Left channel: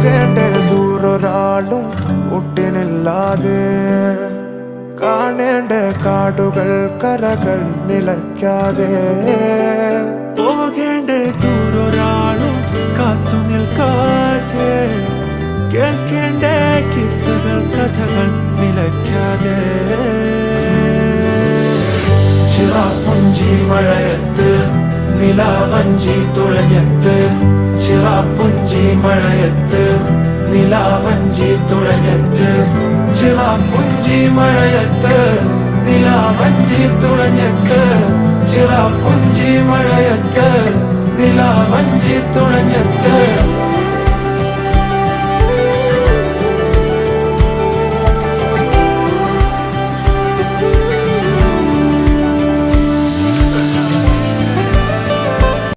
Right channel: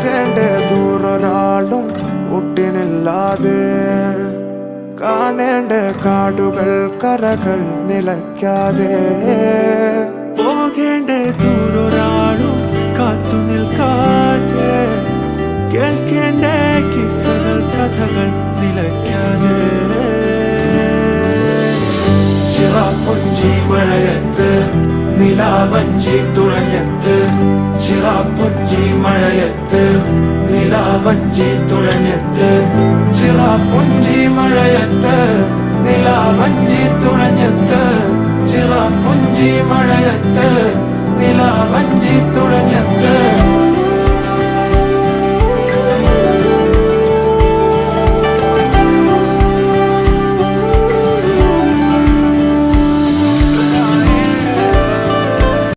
പോകേണ്ട ദൂരൊരാളും ഒട്ടിനില്ലാതെ കാണേണ്ട കാടുകൾ കരകൾ നിലയ്ക്കാതെ പോകേണ്ട ദൂരൊരാളും കാത്തു നിൽക്കാതെ കേൾക്കേണ്ട കിസ്സകൾ കഥകൾ നിലയ്ക്കാതെ ചിറാപ്പുഞ്ചി മഴയത്ത് നിലാവഞ്ചി തുഴഞ്ഞത്ത് ചിറാപ്പുഞ്ചി മഴയത്ത് നിലാവഞ്ചി തുഴഞ്ഞത്ത് ചിറാപ്പുഞ്ചി മഴയത്ത് നിലാവഞ്ചി തുഴഞ്ഞത്ത് ചിറാപ്പുഞ്ചി മഴയത്ത് നിലാവഞ്ചി തുഴഞ്ഞത്ത്